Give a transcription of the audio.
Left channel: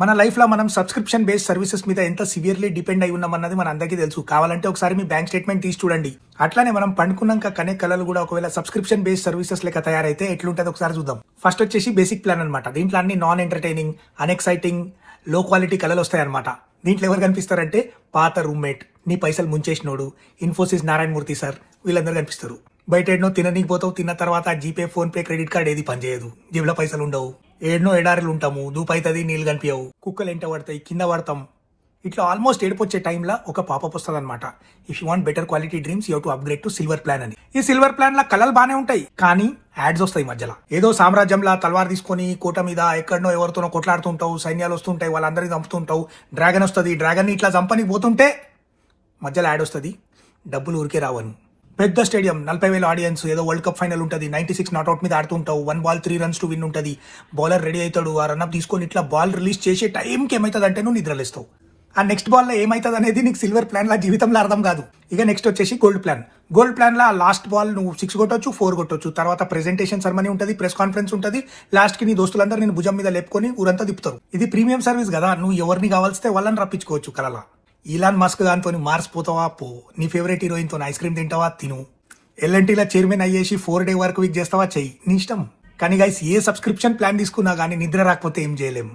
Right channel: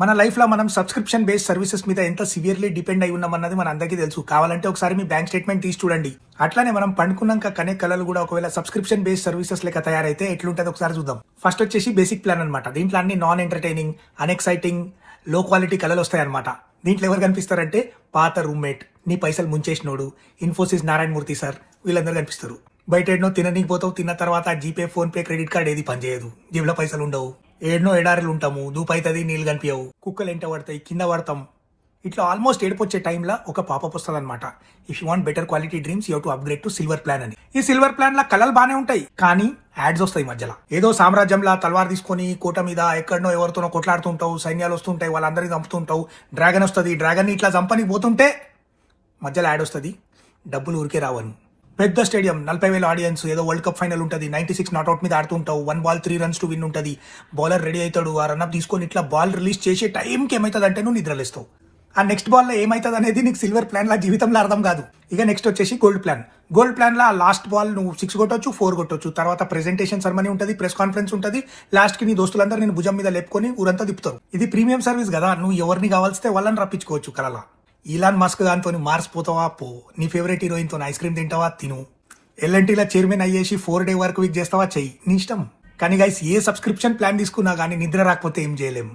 మన లైఫ్ లో మనం సబ్స్క్రిప్షన్ బేస్డ్ సర్వీసెస్ మీద ఎంత సివియర్లీ డిపెండ్ అయి ఉన్నామన్నది మన అందరికీ తెలుసు. కావాలంటే ఒకసారి మీ బ్యాంక్ స్టేట్మెంట్ తీసి చూడండి. అట్లానే మనం పండుకున్నాక కనే కళలు కూడా ఒకవేళ సబ్స్క్రిప్షన్ బేస్డ్ సర్వీసెస్ లెక్క తయారైతే ఎట్లుంటది ఒకసారి చూద్దాం. ఫస్ట్ వచ్చేసి బేసిక్ ప్లాన్ అనమాట. దీంట్లో అన్ని నాన్ ఎంటర్టైనింగ్, అన్ఎక్సైటింగ్, లో క్వాలిటీ కళలు వస్తాయన్నమాట. దీంట్లో ఎవరు కనిపిస్తారంటే పాత రూమ్మేట్, నీ పైసలు ముంచేసినోడు, ఇన్ఫోసిస్ నారాయణ మూర్తి సార్, వీళ్ళందరూ కనిపిస్తారు. బయట ఎన్నో తిననీకి పోతావు, తిన్న తర్వాత GPay, phone pay, credit card ఏది పనిచేయదు, జేబులో పైసలు ఉండవు, ఏడనో ఎడారులు ఉంటాము, దూపైతుంది, నీళ్ళు కనిపించవు, కుక్కలు ఎంట పడతాయి, కింద పడతాం. ఇట్లా ఆల్మోస్ట్ ఏడుపొచ్చే టైంలో ఒక పాపప్ వస్తుంది అనమాట. If you want better quality dreams you to upgrade to silver plan అని. ఈ సిల్వర్ ప్లాన్ లా కలర్ బానే ఉంటాయి, కానీ యాడ్స్ వస్తాయి మధ్యలో. ఏదో సామ్రాజ్యంలో తలవార్ తీసుకొని కోట మీద ఎక్కడనో ఎవరితోనో కొట్లాడుతుంటావు, సైన్యాలు వస్తుంటాయి, వాళ్ళందరికీ చంపుతుంటావు, డ్రాగన్ వస్తుంది, డ్రాగన్ ఇట్లా చంపని పోతుంటే మధ్యలో యాడ్ వస్తుంది, డబ్బులు ఊరికే రావని. పెద్ద స్టేడియం, 40,000 ఆడియన్స్, ఏదో వరల్డ్ కప్ ఫైనల్ ఉంటుంది, 96 నాట్అవుట్ మీద ఆడుతుంటావు, 1 బాల్ 3 రన్స్ టు విన్ ఉంటుంది, బౌలర్ రెడీ అవుతాడు, ఆ రన్అప్ తీసుకొని ఇట్లా బాల్ రిలీజ్ చేసే టైంకి ఏమవుతుంది అంటే నువ్వు నిద్రలేస్తావు. ఆ నెక్స్ట్ బాల్ లో ఏమవుతుంది అనేది నీకు సిల్వర్ ప్లాన్ లా జీవితంలో అర్థం కాదు. ఇక నెక్స్ట్ వచ్చేసి గోల్డ్ ప్లాన్. గోల్డ్ ప్లాన్ లా లాస్ట్ బాల్ నువ్వు 6 కొట్టొచ్చు, 4 కొట్టొచ్చు, తర్వాత ప్రెజెంటేషన్ సెరమనీ ఉంటుంది, ప్రెస్ కాన్ఫరెన్స్ ఉంటుంది, లాస్ట్ కి నీ దోస్తులందరూ నేను భుజం మీద లేపుకొని ఊరంతా తిప్పుతారు. ఇది ప్రీమియం సర్వీస్ కదా, నువ్వు ఎవరిని కావాల్స్తే వాళ్ళని రప్పించుకోవచ్చు కలలా. ఈలాన్ మస్క్ దాంతో మార్స్ పోతావా పో, నీ ఫేవరెట్ హీరోయిన్ తో ఐస్ క్రీమ్ తింటావా తిను, ఎల్ఎన్టీలో చైర్మన్ అయ్యేసి 4 డే వర్క్ వీక్ చేస్తావా చెయ్యి, నీ ఇష్టం. కానీ గైస్ ఏ సబ్స్క్రిప్షన్ ప్లాన్ తీసుకున్నా కానీ నిద్ర రాకపోతే ఏం చేయలేము.